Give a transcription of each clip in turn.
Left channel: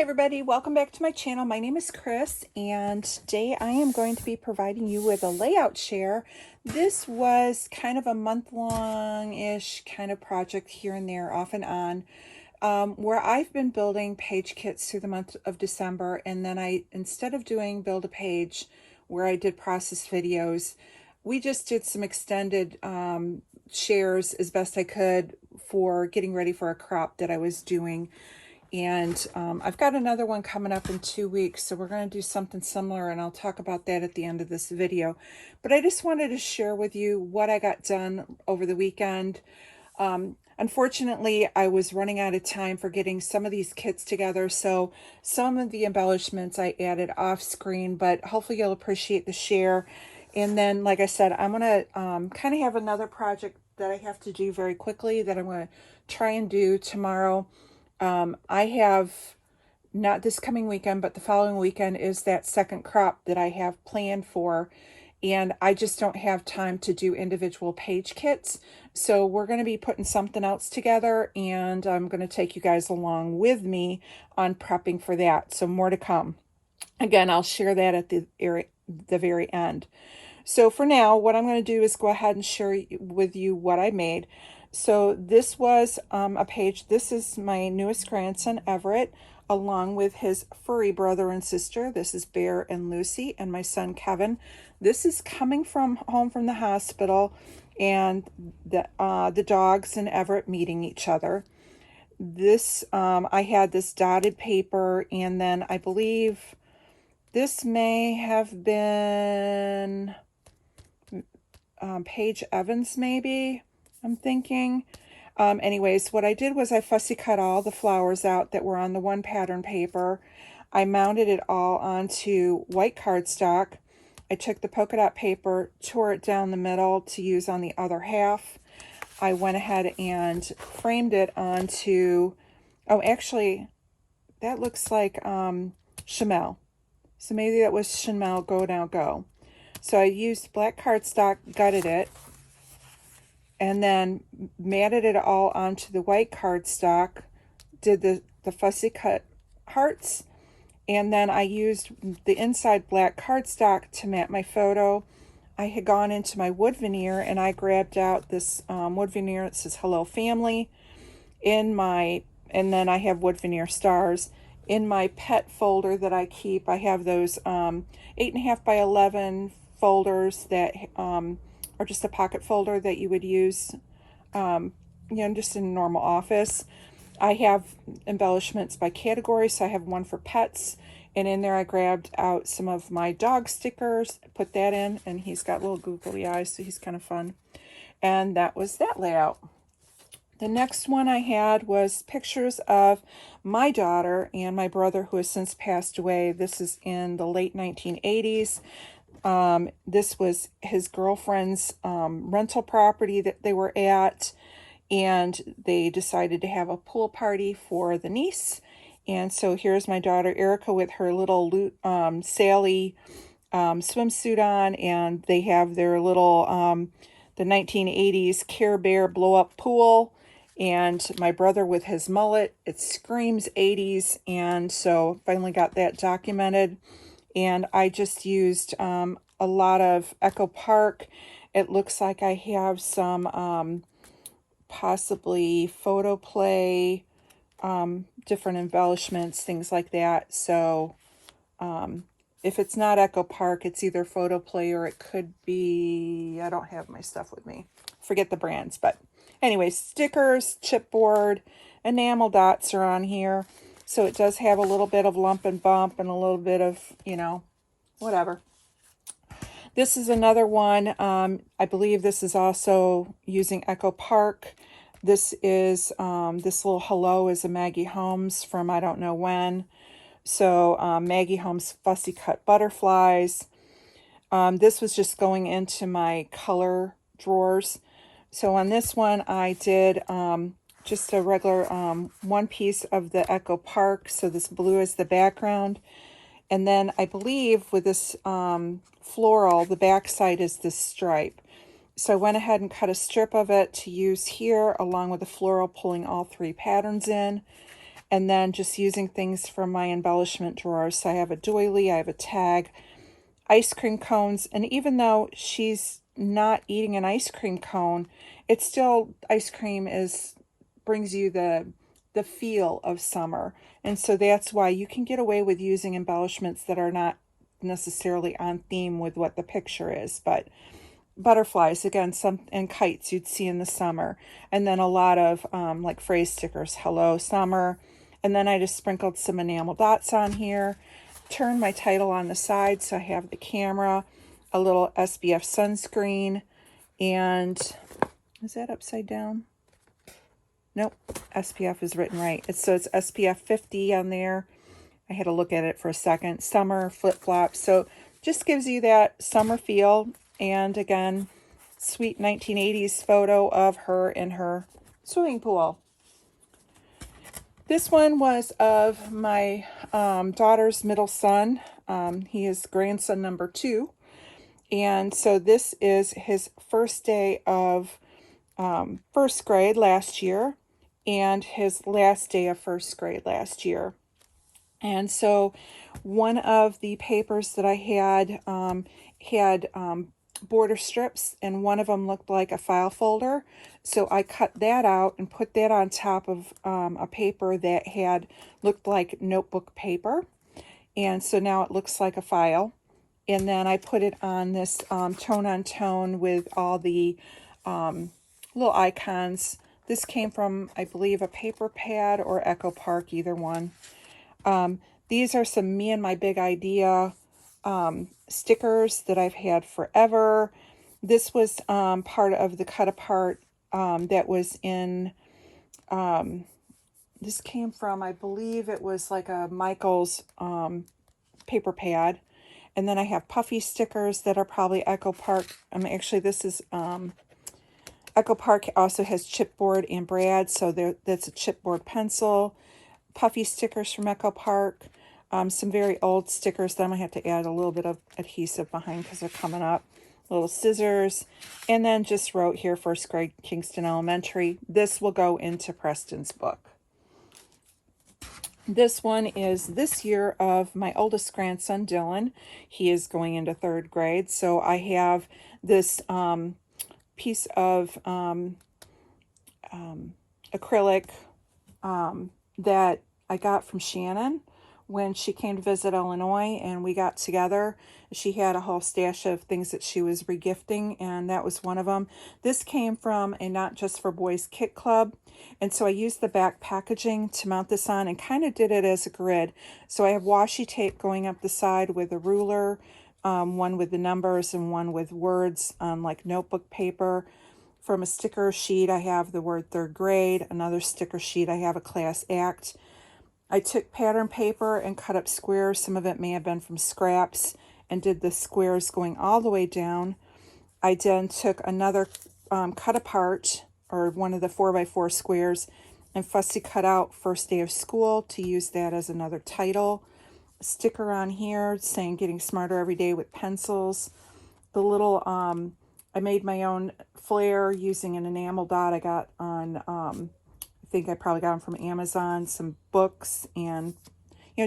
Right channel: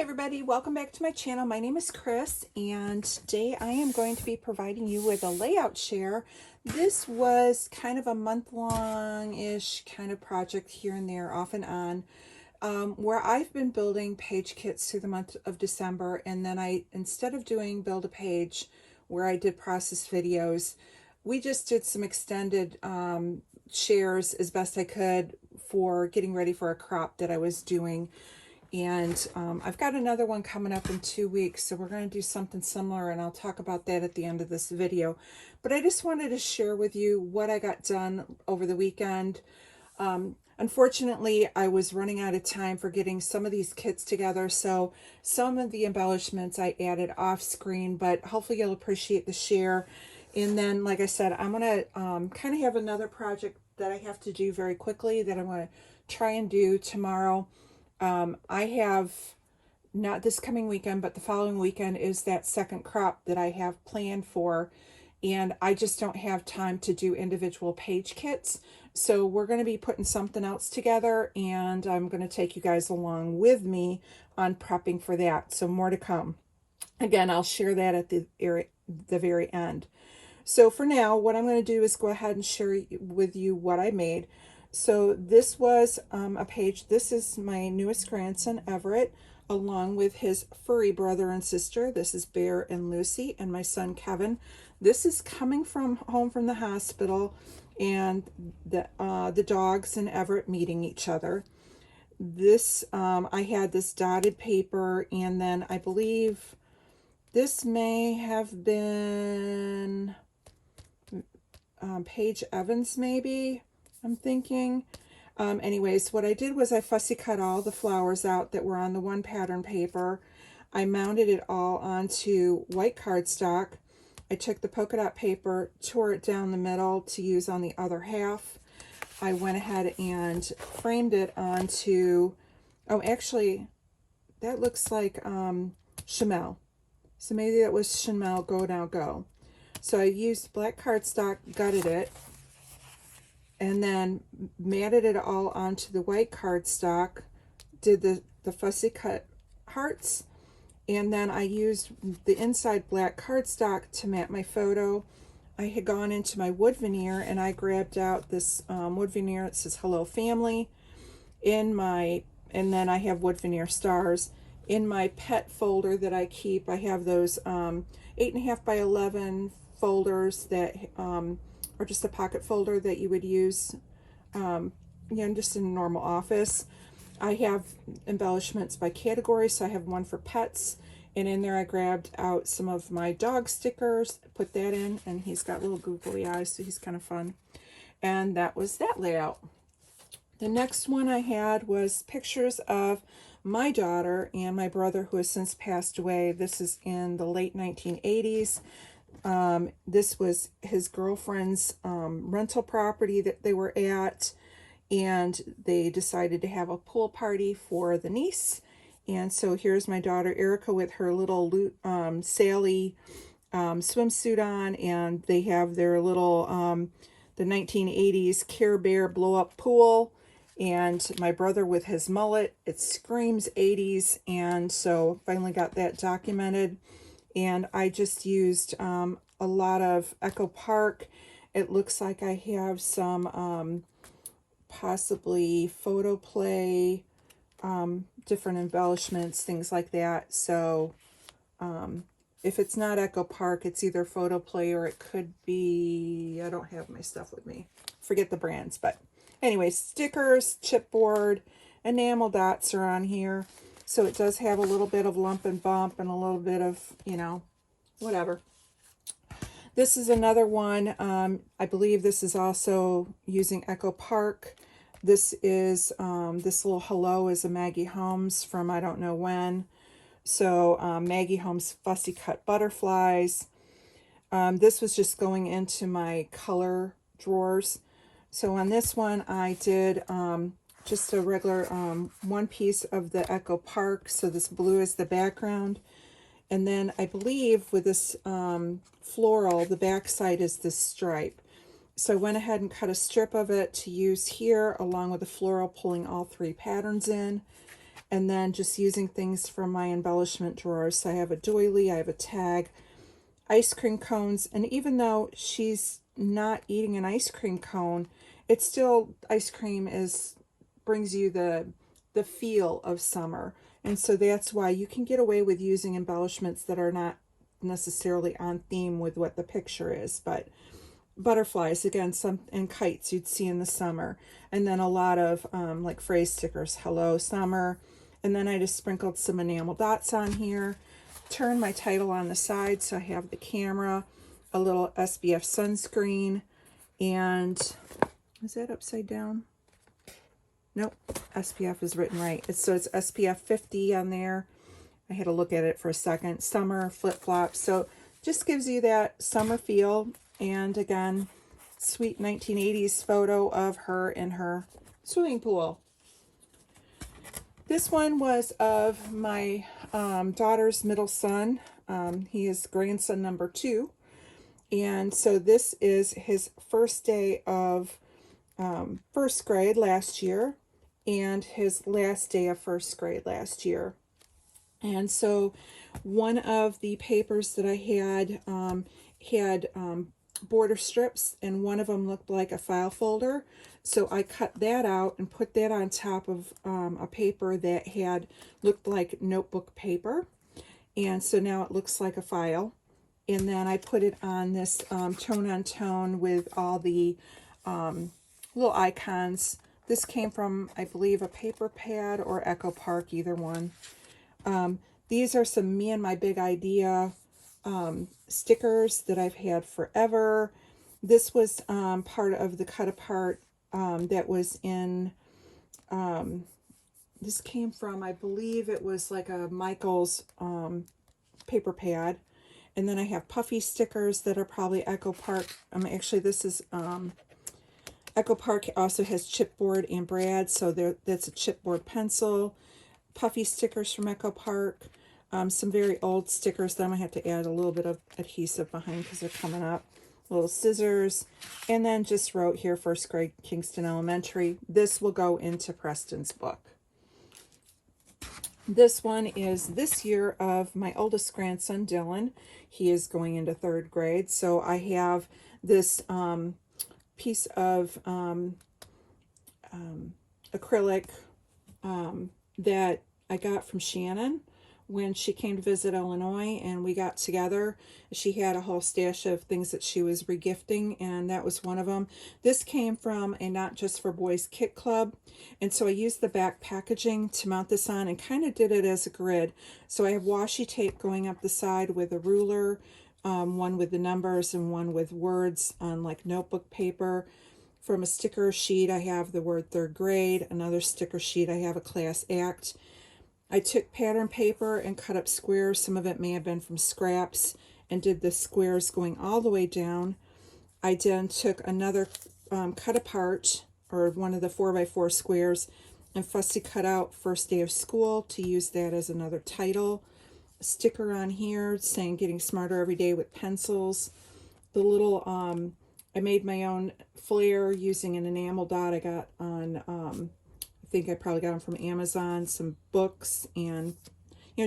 Hi everybody, welcome back to my channel. My name is Chris and today I am going to be providing you with a layout share. This was kind of a month-long-ish kind of project here and there, off and on, where I've been building page kits through the month of December, and then instead of doing build a page where I did process videos, we just did some extended shares as best I could for getting ready for a crop that I was doing. And I've got another one coming up in 2 weeks, so we're going to do something similar, and I'll talk about that at the end of this video. But I just wanted to share with you what I got done over the weekend. Unfortunately, I was running out of time for getting some of these kits together, so some of the embellishments I added off screen, but hopefully you'll appreciate the share. And then, like I said, I'm going to kind of have another project that I have to do very quickly that I'm going to try and do tomorrow. I have, not this coming weekend, but the following weekend is that second crop that I have planned for, and I just don't have time to do individual page kits. So we're going to be putting something else together, and I'm going to take you guys along with me on prepping for that. So more to come. Again, I'll share that at the very end. So for now, what I'm going to do is go ahead and share with you what I made. So this was a page. This is my newest grandson, Everett, along with his furry brother and sister. This is Bear and Lucy, and my son, Kevin. This is coming from home from the hospital, and the dogs and Everett meeting each other. This, I had this dotted paper, and then I believe this may have been Paige Evans, maybe. I'm thinking. Anyways, what I did was I fussy cut all the flowers out that were on the one pattern paper. I mounted it all onto white cardstock. I took the polka dot paper, tore it down the middle to use on the other half. I went ahead and framed it onto, oh, actually, that looks like Chamel. So maybe that was Chamel Go Now Go. So I used black cardstock, gutted it, and then matted it all onto the white cardstock, did the fussy cut hearts, and then I used the inside black cardstock to mat my photo. I had gone into my wood veneer, and I grabbed out this wood veneer that says Hello Family, and then I have wood veneer stars. In my pet folder that I keep, I have those 8.5 by 11 folders that or just a pocket folder that you would use, just in a normal office. I have embellishments by category, so I have one for pets, and in there I grabbed out some of my dog stickers, put that in, and he's got little googly eyes, so he's kind of fun. And that was that layout. The next one I had was pictures of my daughter and my brother, who has since passed away. This is in the late 1980s. This was his girlfriend's rental property that they were at, and they decided to have a pool party for the niece. And so here's my daughter Erica with her little Sally swimsuit on, and they have their little the 1980s Care Bear blow-up pool. And my brother with his mullet, it screams 80s, and so finally got that documented. And I just used a lot of Echo Park. It looks like I have some possibly Photoplay, different embellishments, things like that. So if it's not Echo Park, it's either Photoplay or it could be, I don't have my stuff with me. Forget the brands, but anyway, stickers, chipboard, enamel dots are on here. So it does have a little bit of lump and bump and a little bit of, whatever. This is another one. I believe this is also using Echo Park. This is, this little hello is a Maggie Holmes from I don't know when. So Maggie Holmes Fussy Cut Butterflies. This was just going into my color drawers. So on this one, I did just a regular one piece of the Echo Park. So this blue is the background. And then I believe with this floral, the back side is this stripe. So I went ahead and cut a strip of it to use here along with the floral, pulling all three patterns in. and then just using things from my embellishment drawers. So I have a doily, I have a tag, ice cream cones, and even though she's not eating an ice cream cone, it's still, ice cream brings you the feel of summer. And so that's why you can get away with using embellishments that are not necessarily on theme with what the picture is, but butterflies again, some, and kites you'd see in the summer, and then a lot of like phrase stickers, hello summer. And then I just sprinkled some enamel dots on here, turned my title on the side so I have the camera, a little SPF sunscreen, and is that upside down? Nope, SPF is written right. So it's SPF 50 on there. I had to look at it for a second. Summer flip-flops. So just gives you that summer feel. And again, sweet 1980s photo of her in her swimming pool. This one was of my daughter's middle son. He is grandson number 2. And so this is his first day of first grade last year and his last day of first grade last year. And so one of the papers that I had had border strips, and one of them looked like a file folder. So I cut that out and put that on top of a paper that had looked like notebook paper. And so now it looks like a file. And then I put it on this tone on tone with all the little icons. This came from, I believe, a paper pad or Echo Park, either one. These are some Me and My Big Idea stickers that I've had forever. This was part of the cut apart that was in, this came from, I believe it was like a Michael's paper pad. And then I have puffy stickers that are probably Echo Park. Actually, this is Echo Park also has chipboard and brad, so that's a chipboard pencil. Puffy stickers from Echo Park. Some very old stickers that I'm going to have to add a little bit of adhesive behind because they're coming up. Little scissors. And then just wrote here, first grade Kingston Elementary. This will go into Preston's book. This one is this year of my oldest grandson, Dylan. He is going into 3rd grade. So I have this piece of acrylic that I got from Shannon when she came to visit Illinois, and we got together. She had a whole stash of things that she was regifting, and that was one of them. This came from a Not Just for Boys kit club, and so I used the back packaging to mount this on and kind of did it as a grid. So I have washi tape going up the side with a ruler, one with the numbers and one with words on like notebook paper. From a sticker sheet, I have the word 3rd grade. Another sticker sheet, I have a class act. I took pattern paper and cut up squares. Some of it may have been from scraps, and did the squares going all the way down. I then took another cut apart, or one of the 4x4 squares, and fussy cut out first day of school to use that as another title. A sticker on here saying getting smarter every day with pencils. The little, I made my own flare using an enamel dot I got on, I think I probably got them from Amazon, some books, and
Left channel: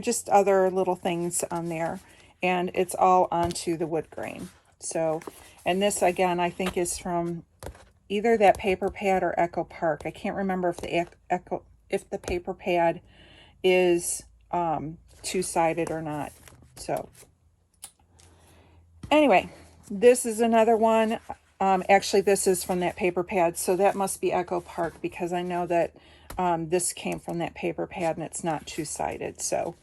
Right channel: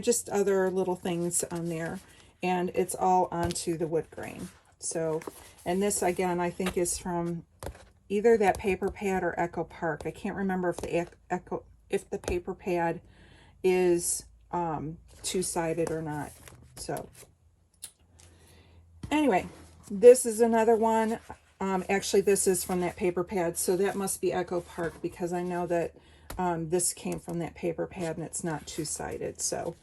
just other little things on there. And it's all onto the wood grain. So, and this again, I think is from either that paper pad or Echo Park. I can't remember if the paper pad is two-sided or not. So anyway, this is another one. Actually, this is from that paper pad, so that must be Echo Park, because I know that this came from that paper pad and it's not two-sided. So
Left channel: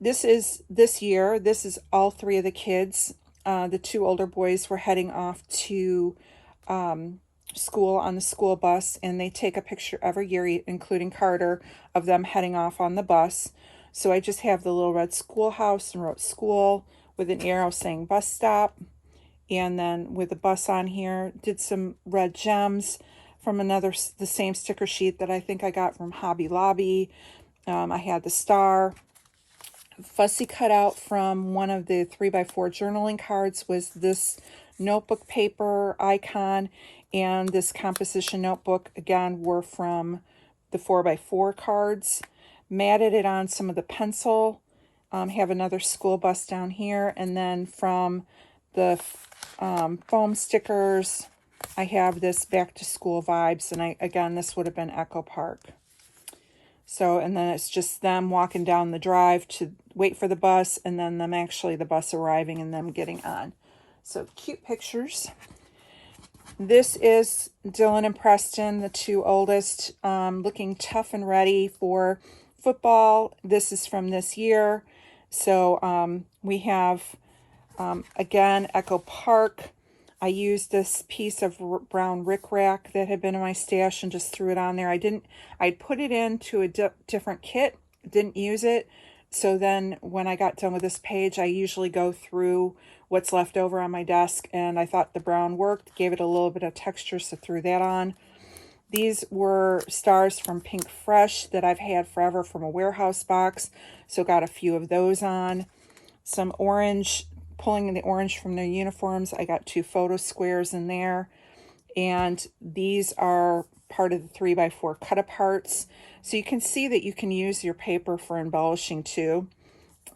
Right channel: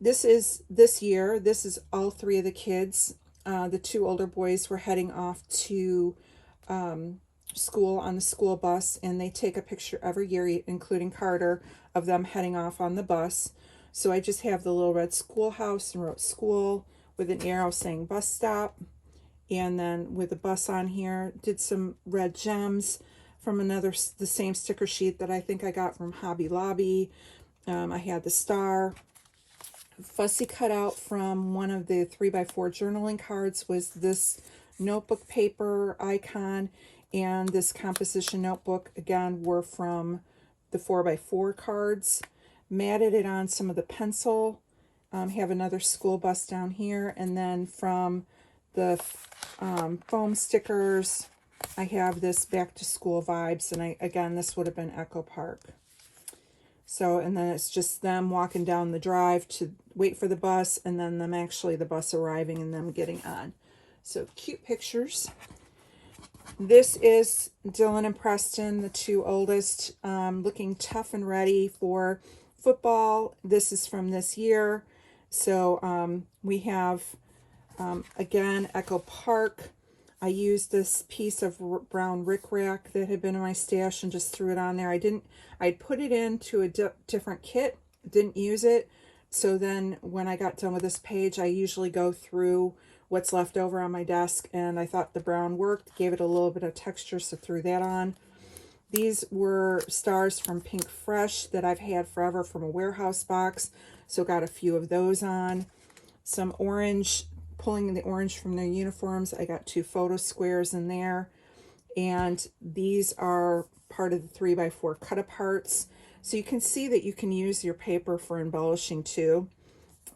this is this year. This is all 3 of the kids. The 2 older boys were heading off to school on the school bus, and they take a picture every year, including Carter, of them heading off on the bus. So I just have the little red schoolhouse and wrote school with an arrow saying bus stop. And then with the bus on here, did some red gems from the same sticker sheet that I think I got from Hobby Lobby. I had the star. Fussy cut out from one of the 3x4 journaling cards was this notebook paper icon, and this composition notebook, again, were from the 4x4 cards, matted it on some of the pencil, have another school bus down here, and then from the foam stickers, I have this back to school vibes, and again, this would have been Echo Park. So, and then it's just them walking down the drive to wait for the bus, and then them actually the bus arriving and them getting on. So cute pictures. This is Dylan and Preston, the two oldest, looking tough and ready for football. This is from this year. So we have, again, Echo Park. I used this piece of brown rickrack that had been in my stash and just threw it on there. I'd put it into a different kit, didn't use it. So then when I got done with this page, I usually go through what's left over on my desk, and I thought the brown worked, gave it a little bit of texture, so threw that on. These were stars from Pink Fresh that I've had forever from a warehouse box, so got a few of those on. Some orange, pulling the orange from their uniforms. I got 2 photo squares in there, and these are part of the 3x4 cut aparts. So you can see that you can use your paper for embellishing too.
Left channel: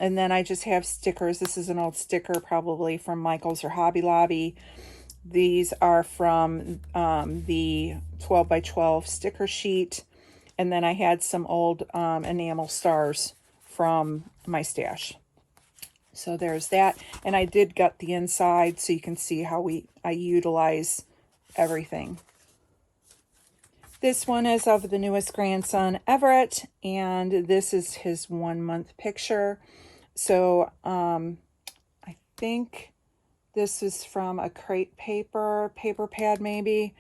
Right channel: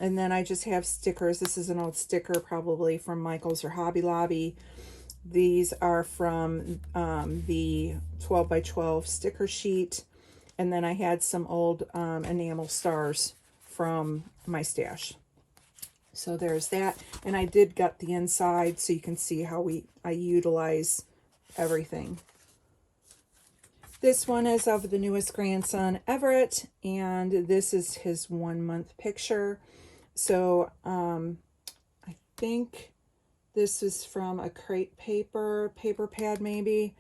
And then I just have stickers. This is an old sticker, probably from Michael's or Hobby Lobby. These are from the 12x12 sticker sheet. And then I had some old enamel stars from my stash. So there's that. And I did gut the inside so you can see how I utilize everything. This one is of the newest grandson, Everett, and this is his 1-month picture. So I think this is from a crate paper pad maybe,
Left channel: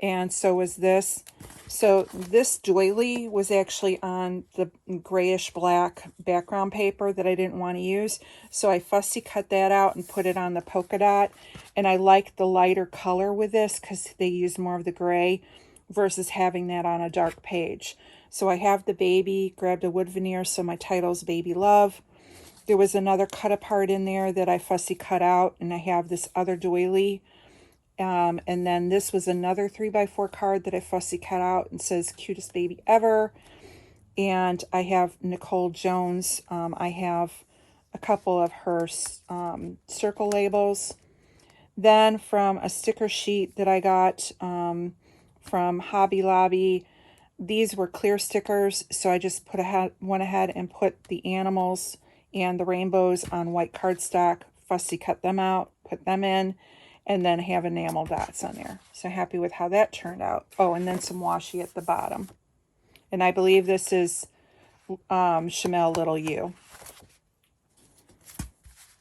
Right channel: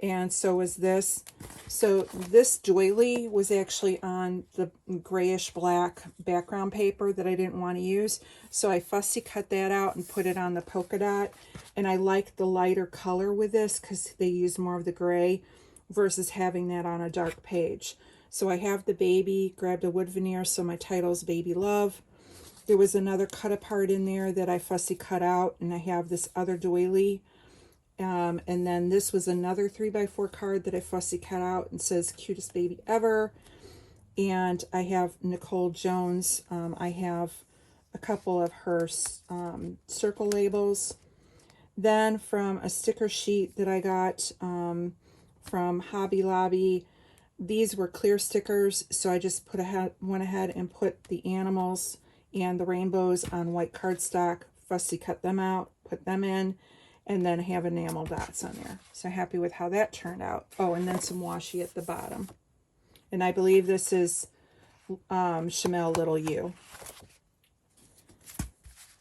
and so was this. So this doily was actually on the grayish black background paper that I didn't want to use, so I fussy cut that out and put it on the polka dot. And I like the lighter color with this because they use more of the gray versus having that on a dark page. So I have the baby, grabbed a wood veneer, so my title's Baby Love. There was another cut apart in there that I fussy cut out, and I have this other doily. And then this was another 3x4 card that I fussy cut out and says cutest baby ever. And I have Nicole Jones. I have a couple of her circle labels. Then from a sticker sheet that I got from Hobby Lobby, these were clear stickers, so I just went ahead and put the animals and the rainbows on white cardstock, fussy cut them out, put them in, and then have enamel dots on there. So happy with how that turned out. Oh, and then some washi at the bottom. And I believe this is Chamel Little U.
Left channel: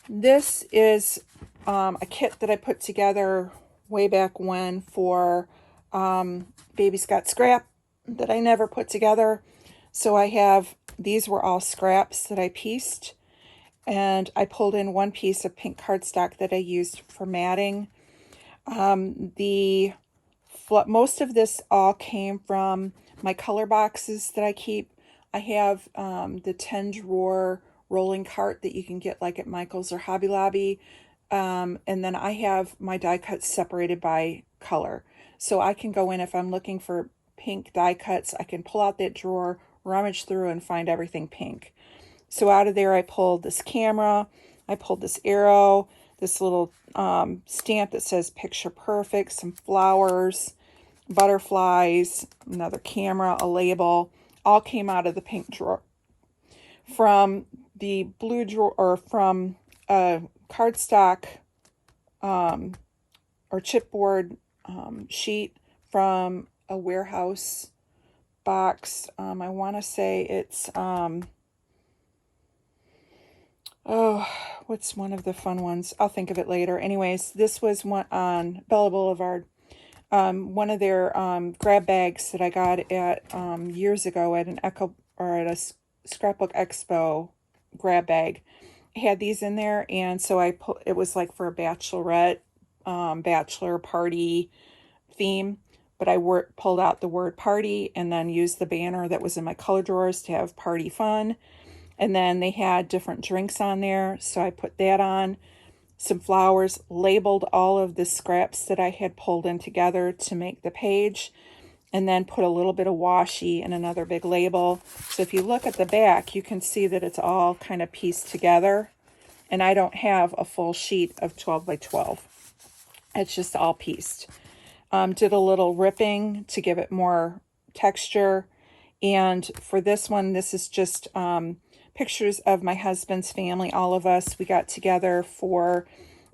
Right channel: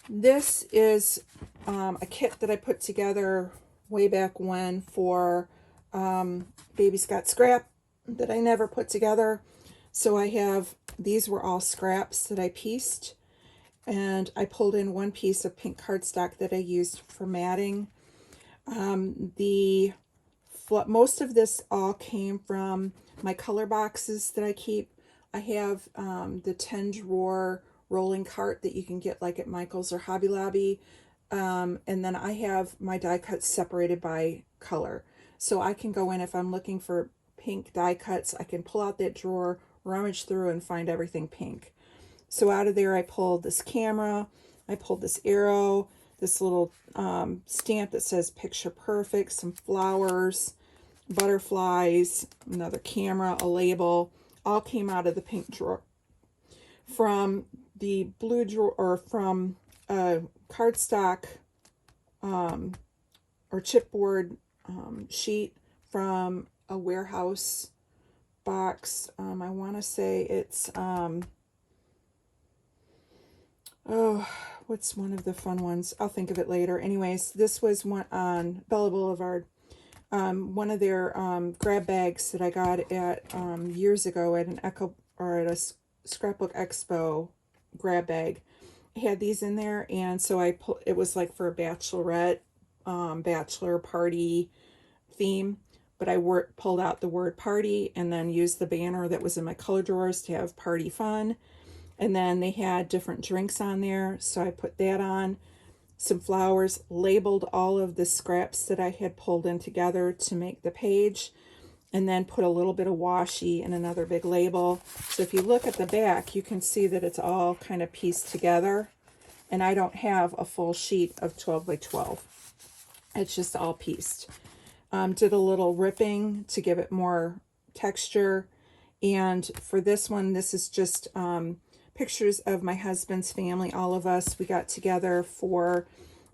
This is a kit that I put together way back when for Baby Scott Scrap that I never put together. So I have, these were all scraps that I pieced, and I pulled in one piece of pink cardstock that I used for matting. Most of this all came from my color boxes that I keep. I have the 10 drawer rolling cart that you can get like at Michael's or Hobby Lobby. And then I have my die cuts separated by color. So I can go in, if I'm looking for pink die cuts, I can pull out that drawer, rummage through, and find everything pink. So out of there, I pulled this camera, I pulled this arrow, this little stamp that says Picture Perfect, some flowers, butterflies, another camera, a label, all came out of the pink drawer. From the blue drawer, or from cardstock or chipboard sheet from a warehouse box. I want to say it's oh, what's one of the fun ones? I'll think of it later. Anyways, this was one on Bella Boulevard. One of their grab bags that I got at years ago at an a Scrapbook Expo grab bag. I had these in there, and so it was like for a bachelorette, bachelor party theme, but I pulled out the word party and then used the banner that was in my color drawers to have party fun. And then they had different drinks on there, so I put that on. Some flowers, labeled all of the scraps that I had pulled in together to make the page. and then put a little bit of washi in another big label. So if you look at the back, you can see that it's all kind of pieced together. And I don't have a full sheet of 12 by 12. It's just all pieced. Did a little ripping to give it more texture. And for this one, this is just pictures of my husband's family, all of us. We got together for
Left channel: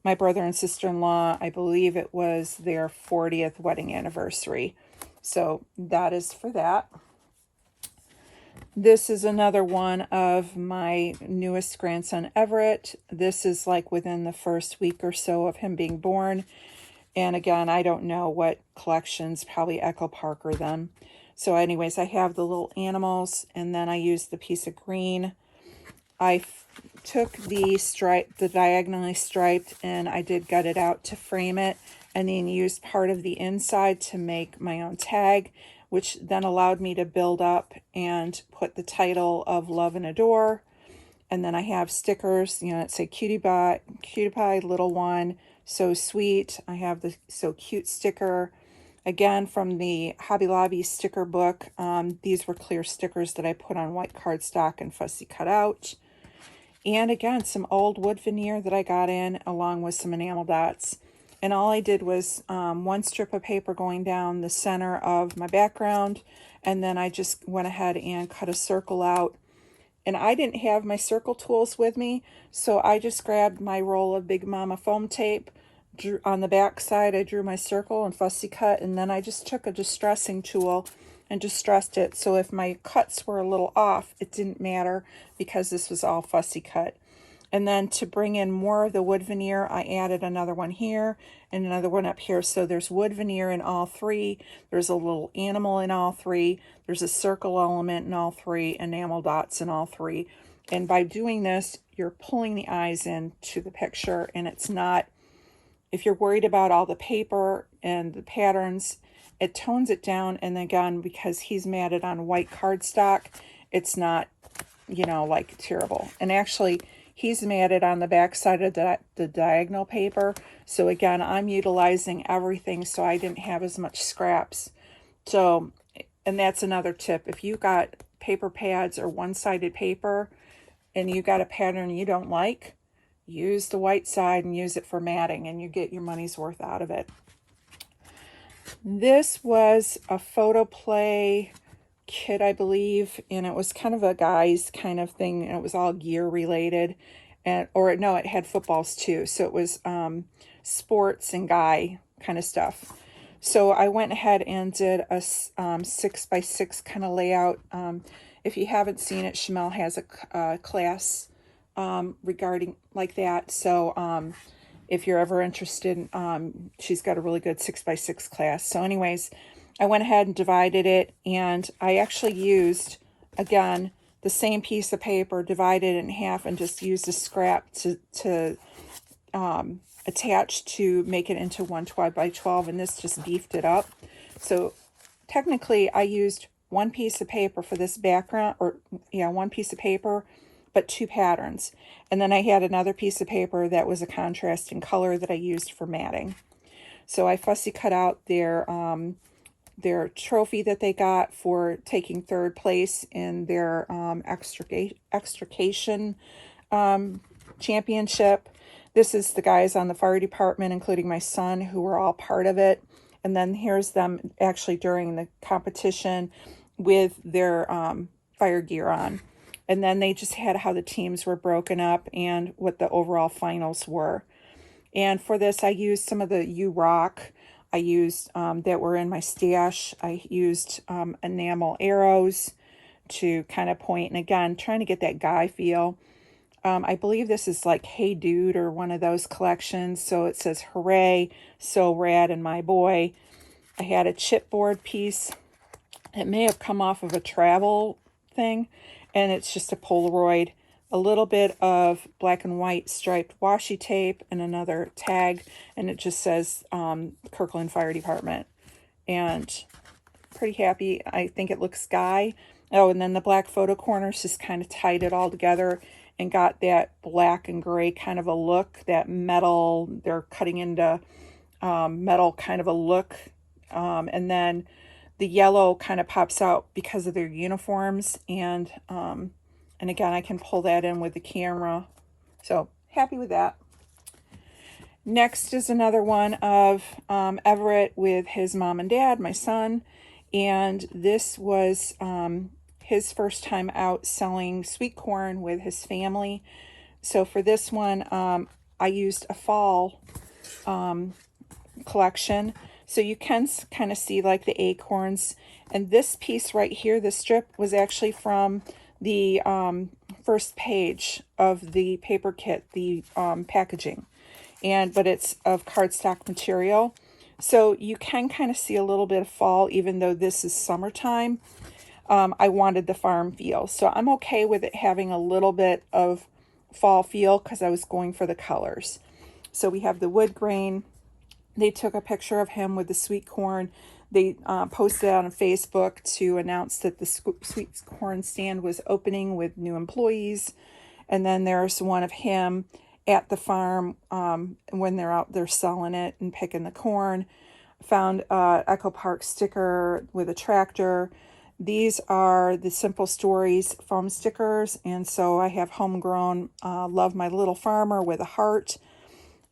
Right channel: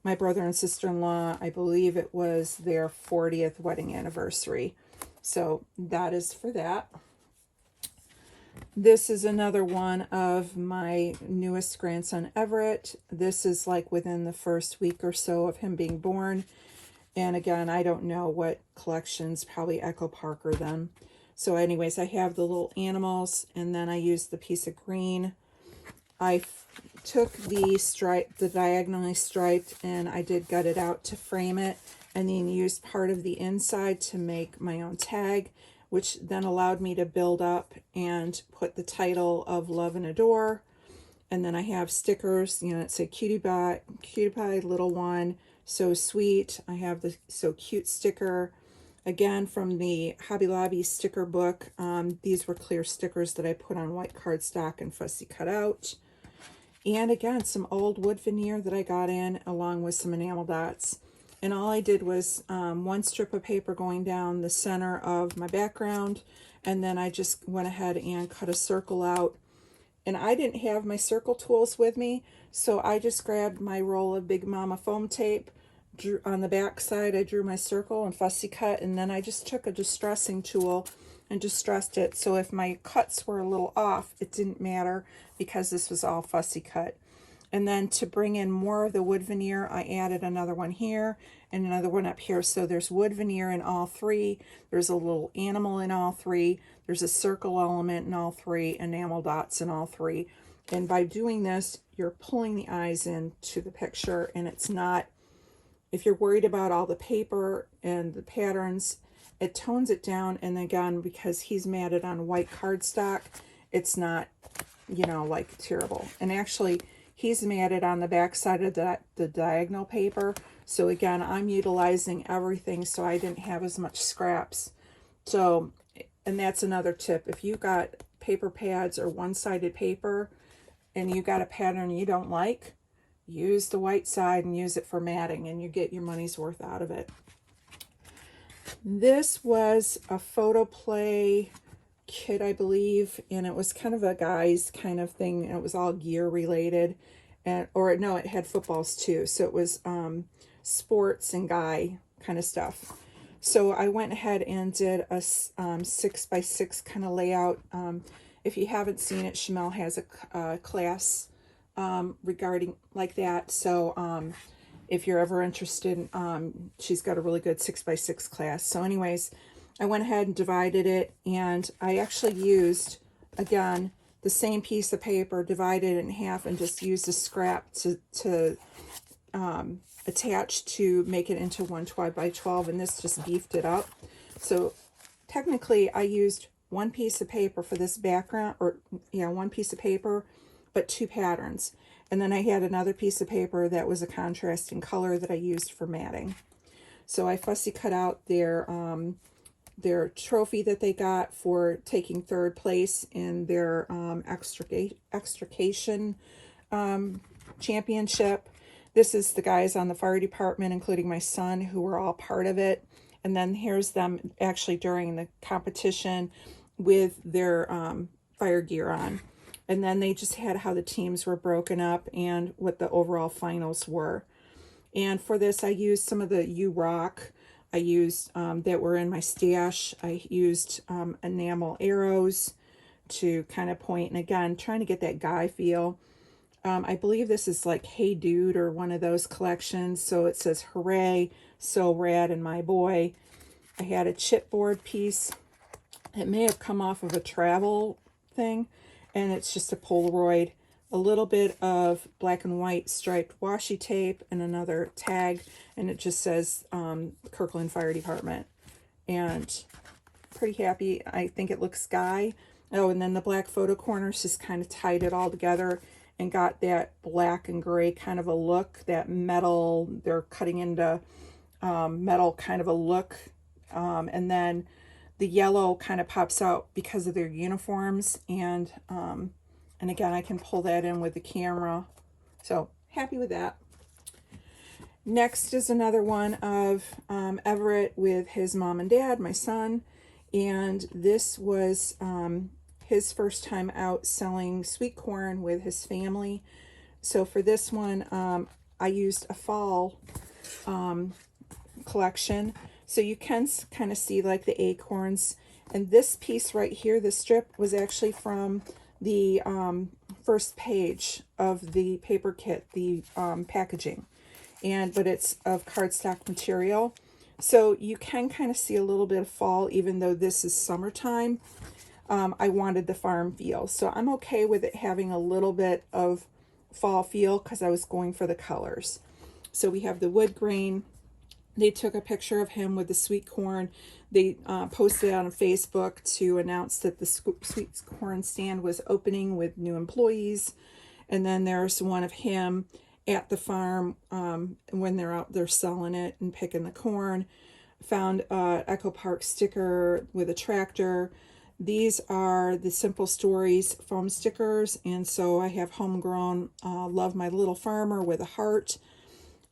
my brother and sister-in-law. I believe it was their 40th wedding anniversary. So that is for that. This is another one of my newest grandson, Everett. This is like within the first week or so of him being born. And again, I don't know what collections, probably Echo Parker them. So anyways, I have the little animals, and then I used the piece of green. I took the diagonally striped, and I did gut it out to frame it, and then used part of the inside to make my own tag, which then allowed me to build up and put the title of Love and Adore. And then I have stickers, you know, that say Cutie Pie, Little One, So Sweet. I have the So Cute sticker. Again, from the Hobby Lobby sticker book. These were clear stickers that I put on white cardstock and fussy cut out. And again, some old wood veneer that I got in, along with some enamel dots. And all I did was one strip of paper going down the center of my background. And then I just went ahead and cut a circle out. And I didn't have my circle tools with me, so I just grabbed my roll of Big Mama foam tape. On the back side, I drew my circle and fussy cut, and then I just took a distressing tool and distressed it. So if my cuts were a little off, it didn't matter because this was all fussy cut. And then to bring in more of the wood veneer, I added another one here and another one up here. So there's wood veneer in all three. There's a little animal in all three. There's a circle element in all three, enamel dots in all three. And by doing this, you're pulling the eyes into the picture, and it's not, if you're worried about all the paper and the patterns, it tones it down. And again, because he's matted on white cardstock, it's not, you know, like terrible. And actually, he's matted on the back side of the diagonal paper. So again, I'm utilizing everything, so I didn't have as much scraps. So, and that's another tip. If you got paper pads or one-sided paper and you got a pattern you don't like, use the white side and use it for matting, and you get your money's worth out of it. This was a photo play kit, I believe, and it was kind of a guy's kind of thing, and it was all gear related, and no, it had footballs too, so it was sports and guy kind of stuff. So I went ahead and did a 6x6 kind of layout. If you haven't seen it, Shamel has a class regarding like that, so if you're ever interested, she's got a really good 6x6 class. So anyways, I went ahead and divided it, and I actually used, again, the same piece of paper, divided it in half, and just used a scrap to attach to make it into one 12 by 12, and this just beefed it up. So technically, I used one piece of paper for this background, or yeah, one piece of paper, but two patterns. And then I had another piece of paper that was a contrasting color that I used for matting. So I fussy cut out their trophy that they got for taking third place in their extrication championship. This is the guys on the fire department, including my son, who were all part of it. And then here's them actually during the competition with their fire gear on. And then they just had how the teams were broken up and what the overall finals were. And for this, I used some of the You Rock. I used that were in my stash. I used enamel arrows to kind of point, and again, trying to get that guy feel. I believe this is like Hey Dude or one of those collections. So it says hooray, so rad, and my boy. I had a chipboard piece. It may have come off of a travel thing, and it's just a Polaroid. A little bit of black and white striped washi tape and another tag, and it just says Kirkland Fire Department. And pretty happy. I think it looks Guy. Oh, and then the black photo corners just kind of tied it all together and got that black and gray kind of a look, that metal, they're cutting into metal kind of a look. And then the yellow kind of pops out because of their uniforms. And again, I can pull that in with the camera. So happy with that. Next is another one of Everett with his mom and dad, my son. And this was his first time out selling sweet corn with his family. So for this one, I used a fall collection. So you can kind of see like the acorns. And this piece right here, the strip, was actually from the first page of the paper kit, the packaging. But it's of cardstock material. So you can kind of see a little bit of fall, even though this is summertime. I wanted the farm feel. So I'm okay with it having a little bit of fall feel because I was going for the colors. So we have the wood grain. They took a picture of him with the sweet corn. They posted it on Facebook to announce that the sweet corn stand was opening with new employees. And then there's one of him at the farm when they're out there selling it and picking the corn. Found Echo Park sticker with a tractor. These are the Simple Stories foam stickers, and so I have Homegrown Love My Little Farmer with a heart.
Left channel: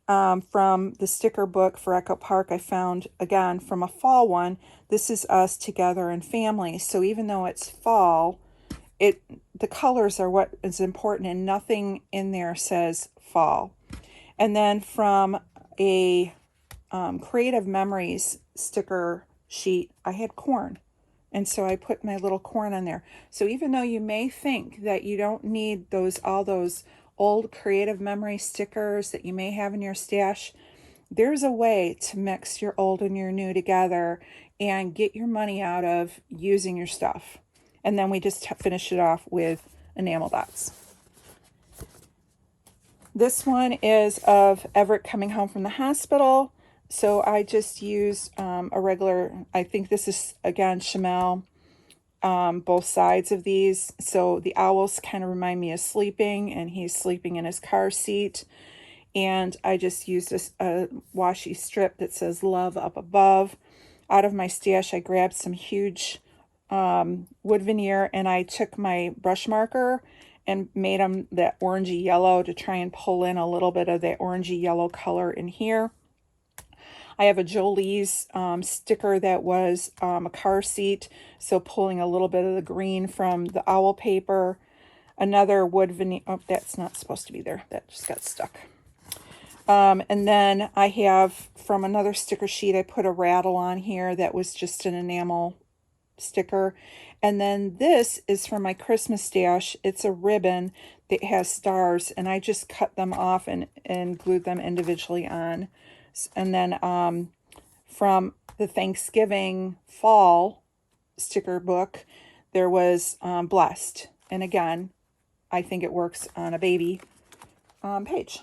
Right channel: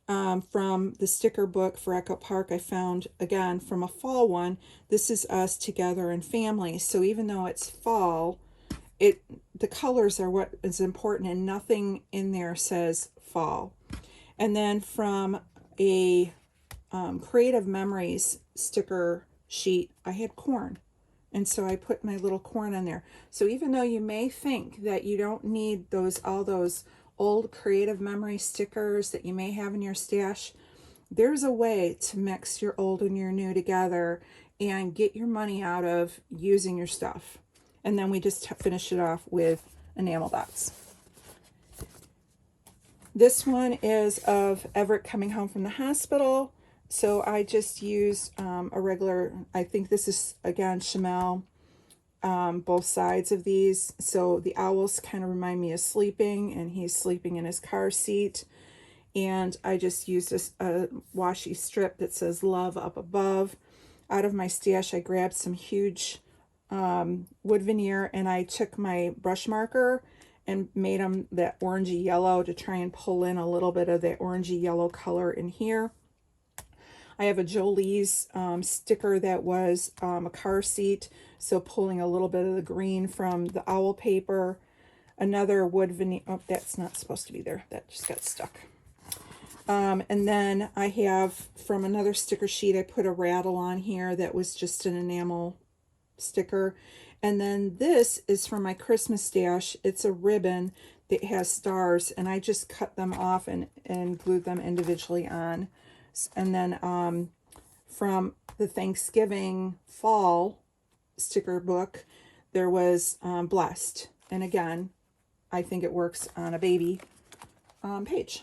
From the sticker book for Echo Park, I found, again, from a fall one, This Is Us Together and Family. So even though it's fall, the colors are what is important, and nothing in there says fall. And then from a Creative Memories sticker sheet, I had corn. And so I put my little corn in there. So even though you may think that you don't need all those old Creative Memory stickers that you may have in your stash, there's a way to mix your old and your new together and get your money out of using your stuff. And then we just finish it off with enamel dots. This one is of Everett coming home from the hospital. So I just used a regular, I think this is, again, Chamel, both sides of these. So the owls kind of remind me of sleeping, and he's sleeping in his car seat. And I just used a washi strip that says Love Up Above. Out of my stash, I grabbed some huge wood veneer, and I took my brush marker and made them that orangey yellow to try and pull in a little bit of that orangey yellow color in here. I have a Jolie's sticker that was a car seat, so pulling a little bit of the green from the owl paper. Another wood veneer, oh, that's not supposed to be there, that just got stuck. And then I have, from another sticker sheet, I put a rattle on here that was just an enamel sticker. And then this is from my Christmas stash. It's a ribbon that has stars, and I just cut them off and glued them individually on. And then from the Thanksgiving fall sticker book, there was Blessed. And again, I think it works on a baby page.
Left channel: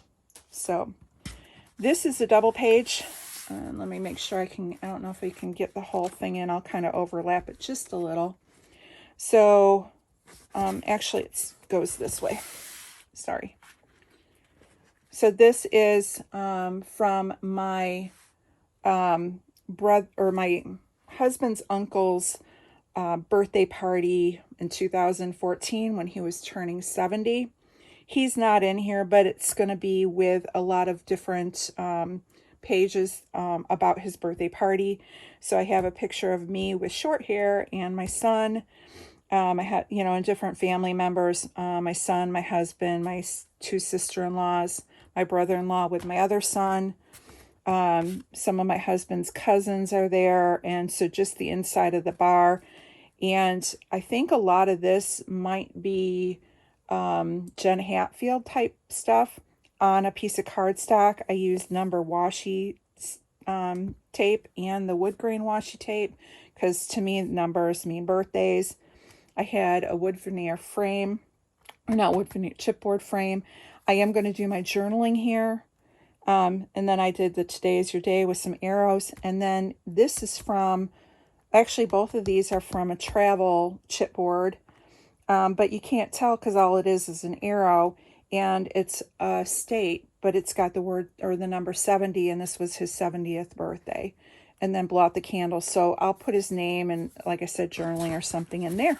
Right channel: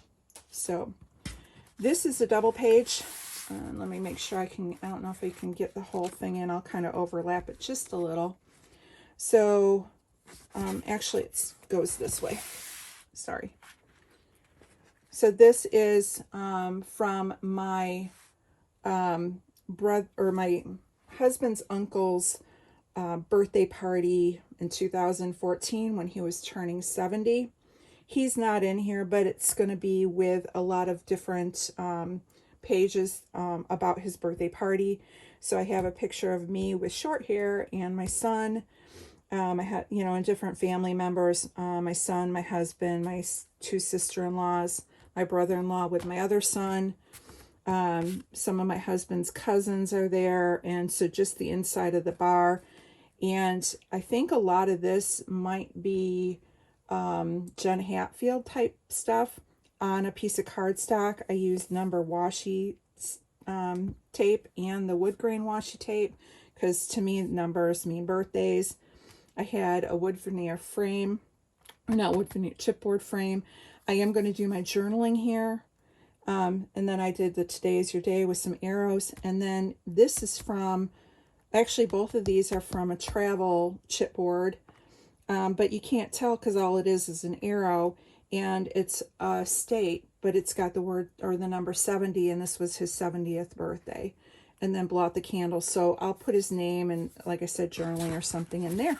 So this is a double page. Let me make sure I don't know if I can get the whole thing in. I'll kind of overlap it just a little. So actually it goes this way. Sorry. So this is from my brother, or my husband's uncle's birthday party in 2014 when he was turning 70. He's not in here, but it's going to be with a lot of different pages about his birthday party. So I have a picture of me with short hair and my son. I had, and different family members, my son, my husband, my two sister-in-laws, my brother-in-law with my other son. Some of my husband's cousins are there. And so just the inside of the bar. And I think a lot of this might be Jen Hatfield type stuff on a piece of cardstock. I used number washi tape and the wood grain washi tape, because to me numbers mean birthdays. I had a wood veneer frame, not wood veneer, chipboard frame. I am going to do my journaling here. And then I did the Today Is Your Day with some arrows. And then this is from, actually both of these are from a travel chipboard. But you can't tell because all it is an arrow, and it's a state, but it's got the word or the number 70, and this was his 70th birthday. and then blow out the candle. So I'll put his name and, like I said, journaling or something in there.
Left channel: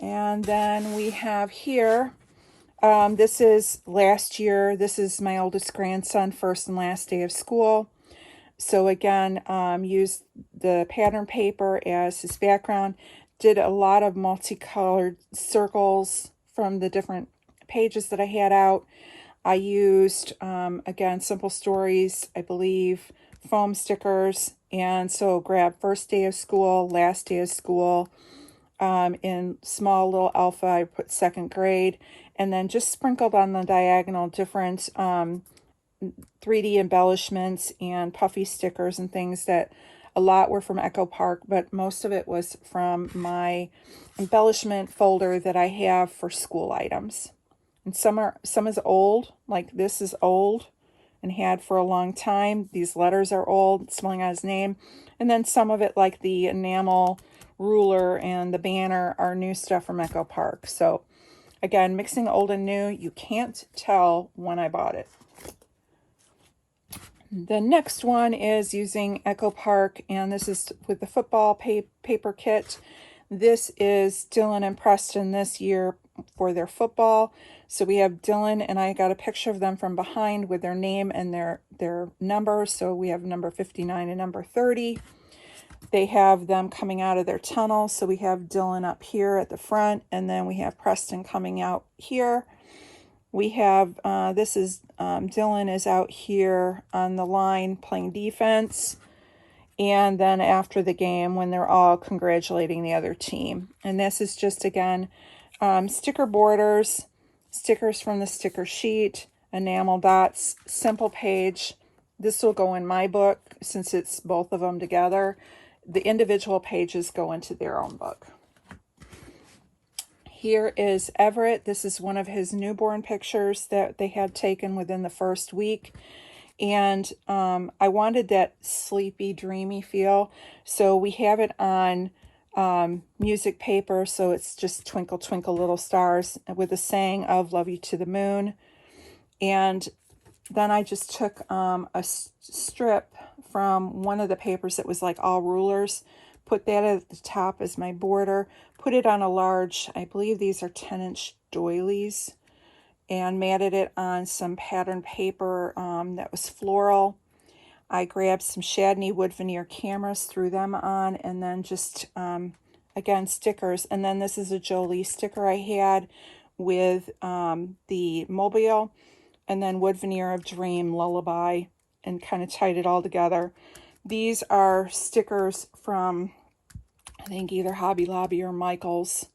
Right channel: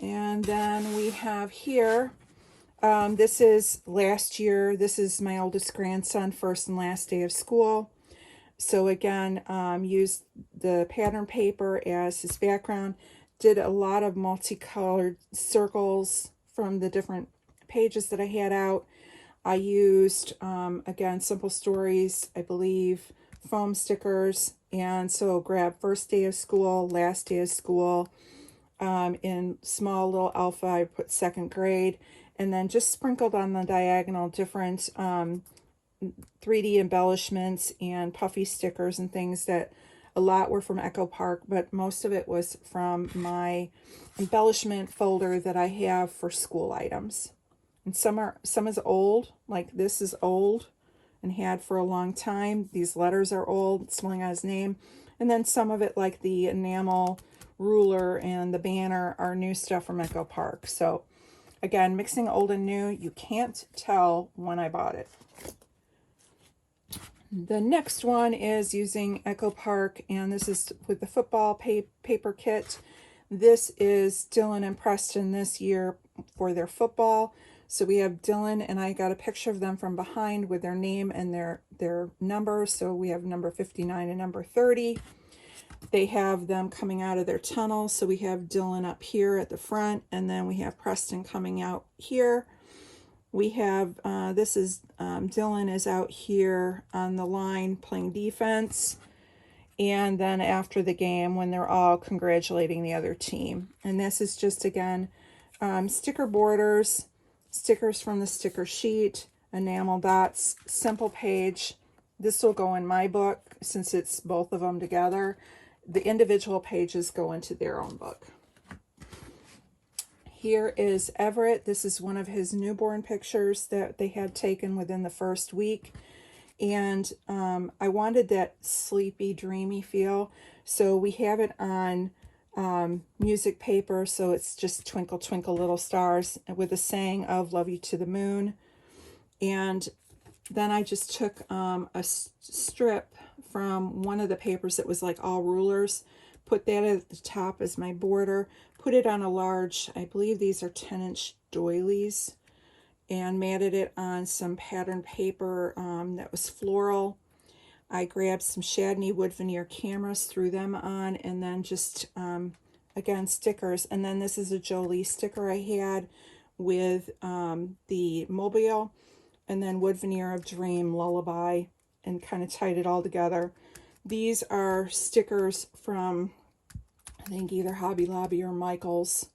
And then we have here, this is last year. This is my oldest grandson, first and last day of school. So again, used the pattern paper as his background. Did a lot of multicolored circles from the different pages that I had out. I used, again, Simple Stories, I believe, foam stickers. And so grab first day of school, last day of school. In small little alpha, I put second grade. And then just sprinkled on the diagonal different 3D embellishments and puffy stickers and things that a lot were from Echo Park, but most of it was from my embellishment folder that I have for school items. And some is old, like this is old and had for a long time. These letters are old, spelling out his name. And then some of it, like the enamel ruler and the banner, are new stuff from Echo Park. So again, mixing old and new, you can't tell when I bought it. The next one is using Echo Park, and this is with the football paper kit. This is Dylan and Preston this year for their football. So we have Dylan, and I got a picture of them from behind with their name and their number. So we have number 59 and number 30. They have them coming out of their tunnel. So we have Dylan up here at the front, and then we have Preston coming out here. We have, this is, Dylan is out here on the line playing defense. And then after the game, when they're all congratulating the other team. And this is just, again, sticker borders, stickers from the sticker sheet, enamel dots, simple page. This will go in my book since it's both of them together. The individual pages go into their own book. Here is Everett. This is one of his newborn pictures that they had taken within the first week. And I wanted that sleepy, dreamy feel. So we have it on music paper. So it's just Twinkle, Twinkle, Little Stars with a saying of Love You to the Moon. And then I just took a strip from one of the papers that was like all rulers, put that at the top as my border, put it on a large, I believe these are 10-inch doilies, and matted it on some pattern paper that was floral. I grabbed some Chadney wood veneer cameras, threw them on, and then just, again, stickers. And then this is a Jolie sticker I had with the Mobile, and then wood veneer of Dream, Lullaby, and kind of tied it all together. These are stickers from, I think, either Hobby Lobby or Michael's.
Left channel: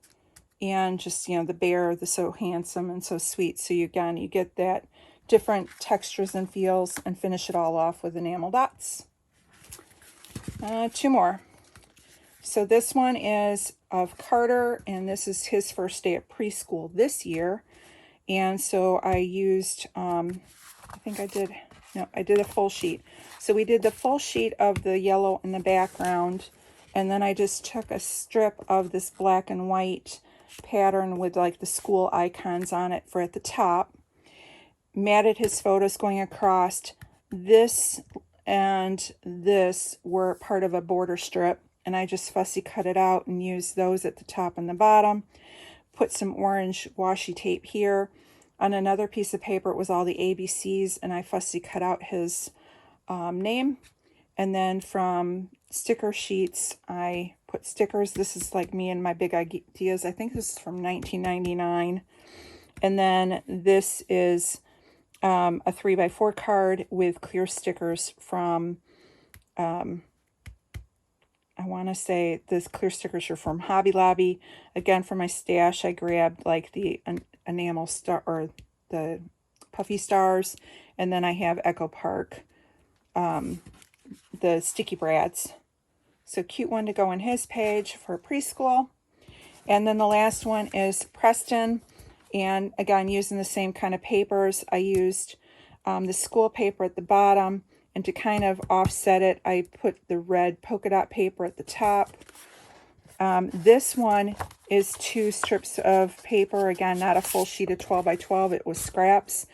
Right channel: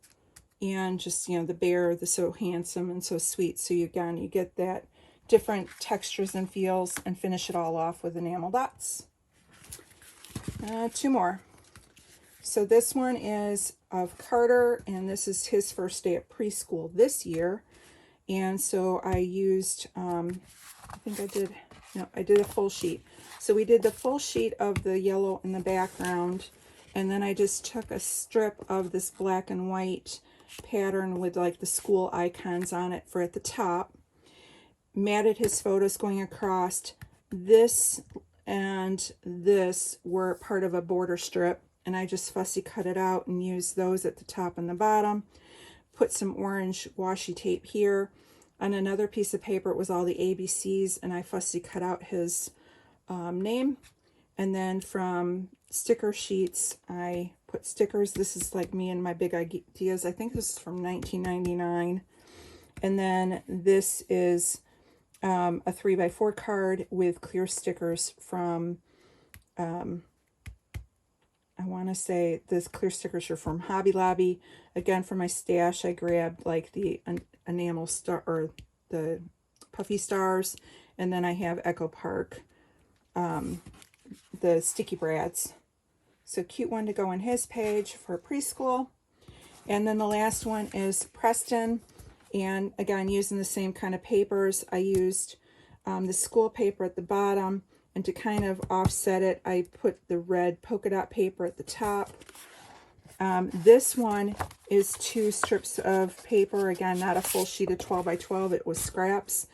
And just, you know, the bear, the so handsome and so sweet. So you, again, you get that different textures and feels, and finish it all off with enamel dots. Two more. So this one is of Carter, and this is his first day at preschool this year. And so I used, I did a full sheet. So we did the full sheet of the yellow in the background, and then I just took a strip of this black and white pattern with like the school icons on it for at the top, matted his photos going across. This and this were part of a border strip, and I just fussy cut it out and used those at the top and the bottom. Put some orange washi tape here. On another piece of paper, it was all the ABCs, and I fussy cut out his name. And then from sticker sheets, I put stickers. This is like me and my big ideas. I think this is from 1999. And then this is a 3x4 card with clear stickers from, I want to say this clear stickers are from Hobby Lobby. Again, for my stash, I grabbed like the enamel star or the puffy stars. And then I have Echo Park, the Sticky Brads. So cute one to go in his page for preschool. And then the last one is Preston. And again, using the same kind of papers, I used the school paper at the bottom. And to kind of offset it, I put the red polka dot paper at the top. This one is 2 strips of paper. Again, not a full sheet of 12 by 12. It was scraps.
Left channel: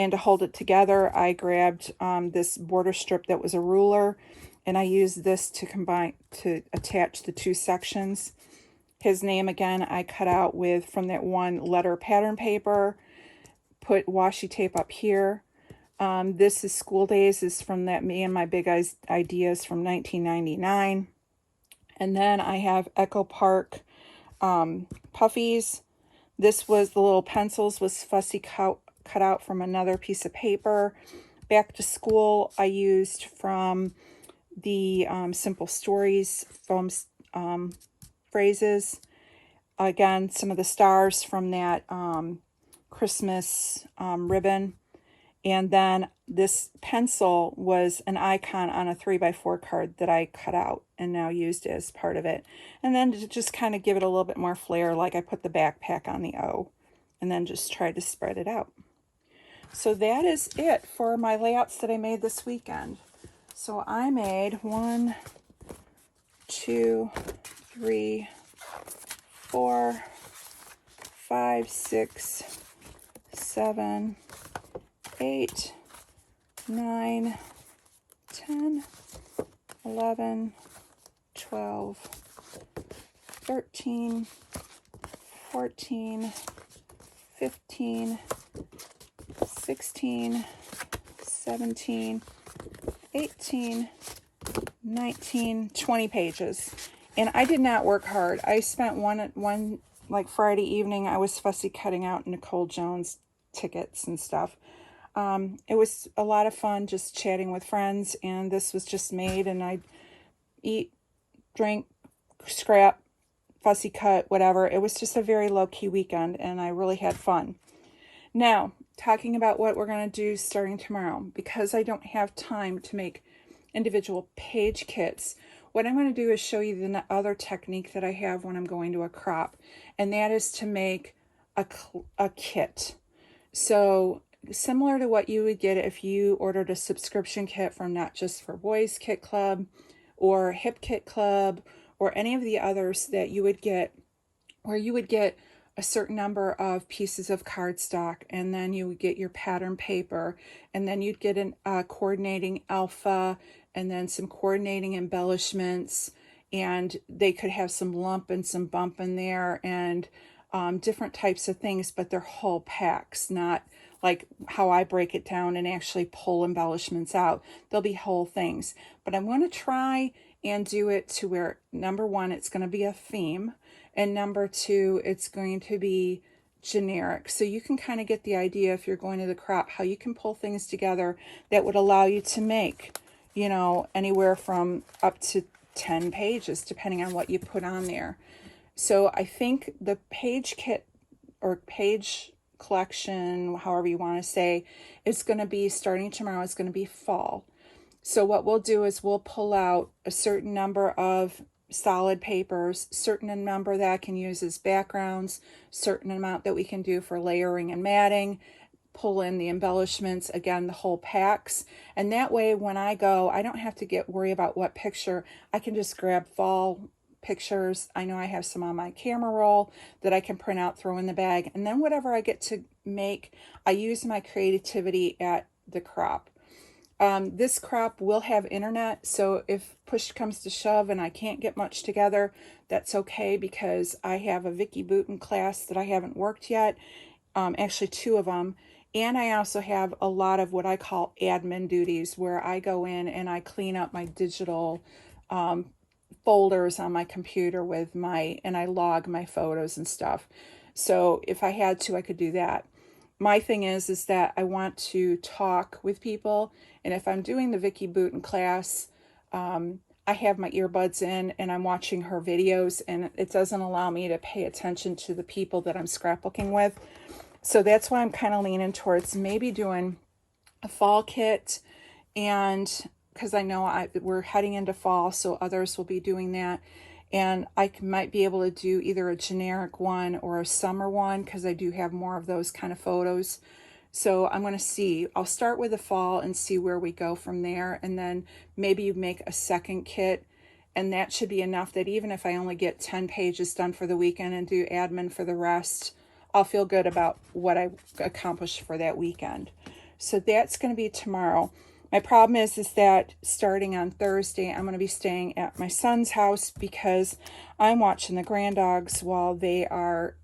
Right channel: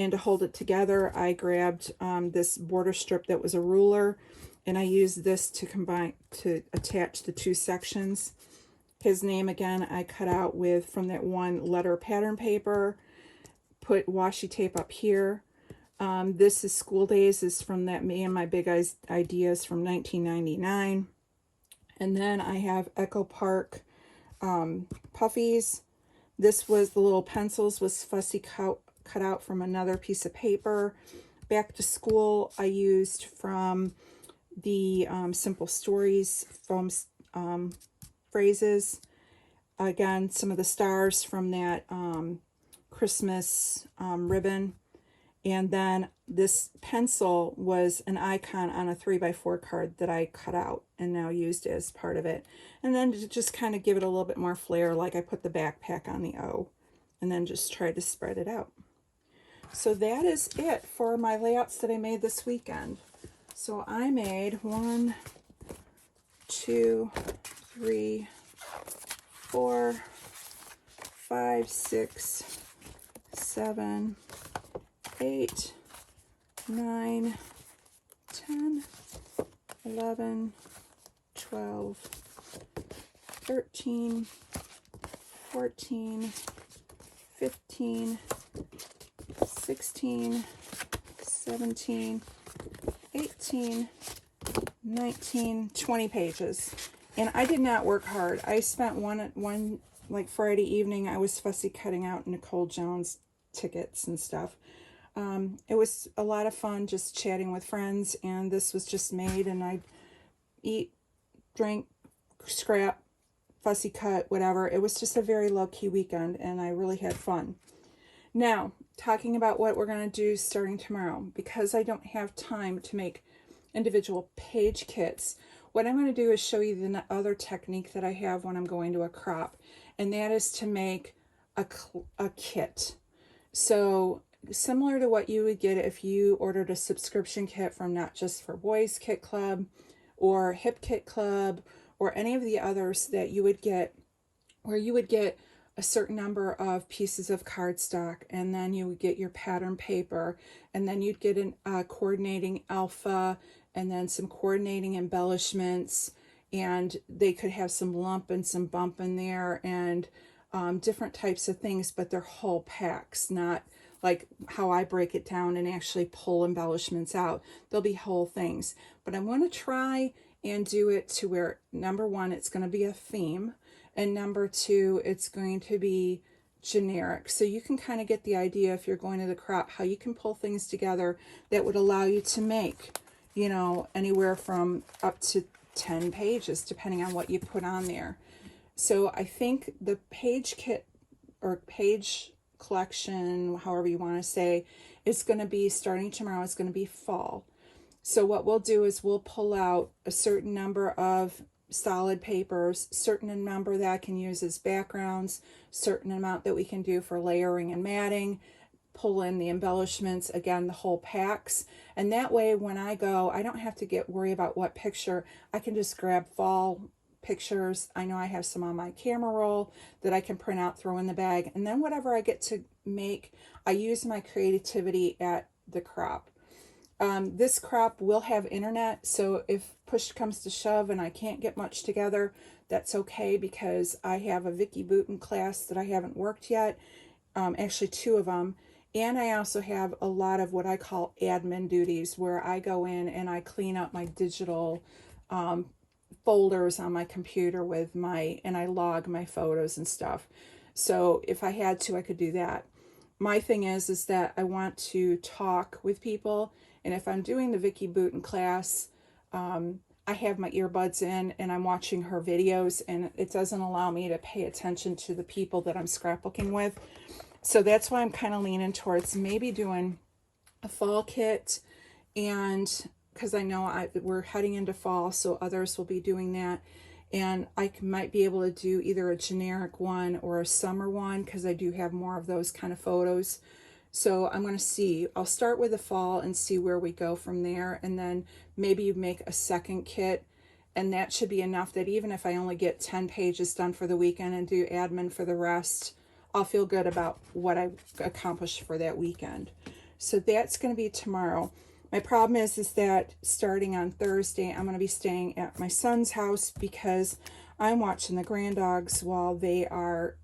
And to hold it together, I grabbed this border strip that was a ruler, and I used this to attach the two sections. His name again I cut out from that one letter pattern paper, put washi tape up here. This is School Days, is from that Me and My Big Ideas from 1999. And then I have Echo Park puffies. This was the little pencils was fussy cut out from another piece of paper. Back to School I used from the Simple Stories foam phrases. Again, some of the stars from that Christmas ribbon. And then this pencil was an icon on a 3x4 card that I cut out and now used as part of it. And then to just kind of give it a little bit more flair, like I put the backpack on the O and then just tried to spread it out. So that is it for my layouts that I made this weekend. So I made 1, 2, 3, 4, 5, 6, 7, 8, 9, 10, 11, 12, 13, 14, 15, 16, 17, 18, 19, 20 pages. And I did not work hard. I spent one like Friday evening, I was fussy cutting out Nicole Jones tickets and stuff. It was a lot of fun just chatting with friends, and this was just made, and I eat, drink, scrap, fussy cut, whatever. It was just a very low-key weekend, and I really had fun. Now, talking about what we're going to do starting tomorrow, because I don't have time to make individual page kits, what I'm going to do is show you the other technique that I have when I'm going to a crop, and that is to make a kit. So similar to what you would get if you ordered a subscription kit from Not Just for Boys Kit Club or Hip Kit Club or any of the others that you would get, where you would get a certain number of pieces of cardstock, and then you would get your pattern paper, and then you'd get a coordinating alpha, and then some coordinating embellishments, and they could have some lump and some bump in there, and different types of things, but they're whole packs, not like how I break it down and actually pull embellishments out. They'll be whole things. But I'm going to try and do it to where, number one, it's going to be a theme, and number two, it's going to be generic. So you can kind of get the idea, if you're going to the crop, how you can pull things together that would allow you to make, you know, anywhere from up to 10 pages, depending on what you put on there. So I think the page kit or page collection, however you want to say, is going to be starting tomorrow. It's going to be fall. So what we'll do is we'll pull out a certain number of solid papers, certain number that I can use as backgrounds, certain amount that we can do for layering and matting, pull in the embellishments, again, the whole packs. And that way, when I go, I don't have to worry about what picture. I can just grab fall pictures. I know I have some on my camera roll that I can print out, throw in the bag. And then whatever I get to make, I use my creativity at the crop. This crop will have internet, so if push comes to shove and I can't get much together, that's okay, because I have a Vicki Booten class that I haven't worked yet, actually 2 of them, and I also have a lot of what I call admin duties, where I go in and I clean up my digital folders on my computer and I log my photos and stuff. So if I had to, I could do that. My thing is that I want to talk with people, and if I'm doing the Vicki Booten class, I have my earbuds in and I'm watching her videos, and it doesn't allow me to pay attention to the people that I'm scrapbooking with. So that's why I'm kind of leaning towards maybe doing a fall kit, and because I know we're heading into fall, so others will be doing that. And I might be able to do either a generic one or a summer one, because I do have more of those kind of photos. So I'm going to see. I'll start with the fall and see where we go from there. And then maybe you make a second kit, and that should be enough that even if I only get 10 pages done for the weekend and do admin for the rest, I'll feel good about what I accomplished for that weekend. So that's going to be tomorrow. My problem is that starting on Thursday, I'm going to be staying at my son's house because I'm watching the grand dogs while they are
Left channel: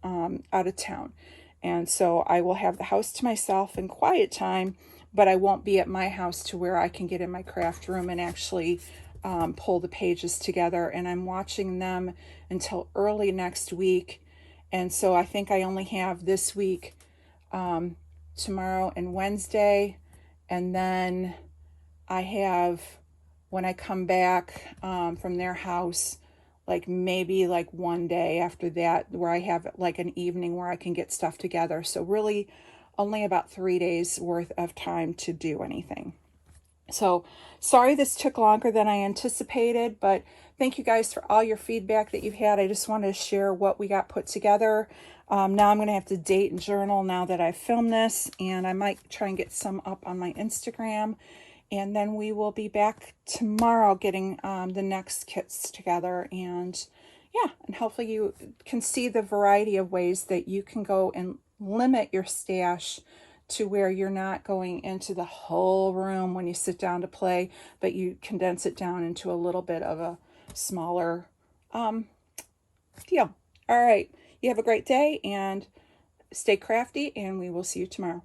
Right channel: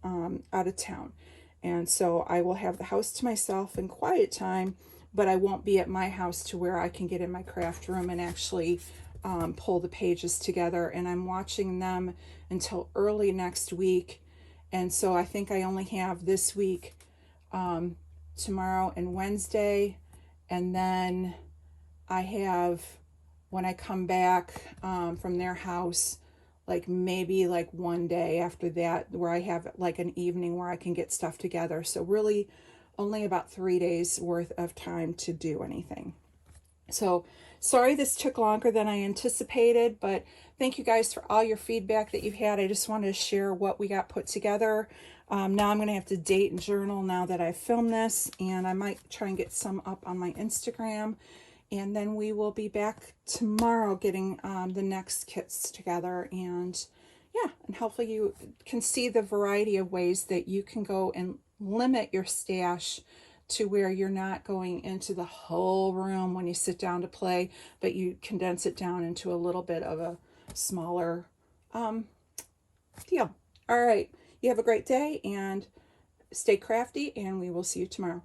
out of town. And so I will have the house to myself and quiet time, but I won't be at my house to where I can get in my craft room and actually pull the pages together. And I'm watching them until early next week. And so I think I only have this week, tomorrow and Wednesday. And then I have, when I come back from their house, like maybe like one day after that where I have like an evening where I can get stuff together. So really only about 3 days worth of time to do anything. So sorry this took longer than I anticipated, but thank you guys for all your feedback that you've had. I just wanted to share what we got put together. Now I'm going to have to date and journal now that I've filmed this, and I might try and get some up on my Instagram. And then we will be back tomorrow getting the next kits together. And yeah, and hopefully you can see the variety of ways that you can go and limit your stash to where you're not going into the whole room when you sit down to play, but you condense it down into a little bit of a smaller deal. All right, you have a great day and stay crafty, and we will see you tomorrow.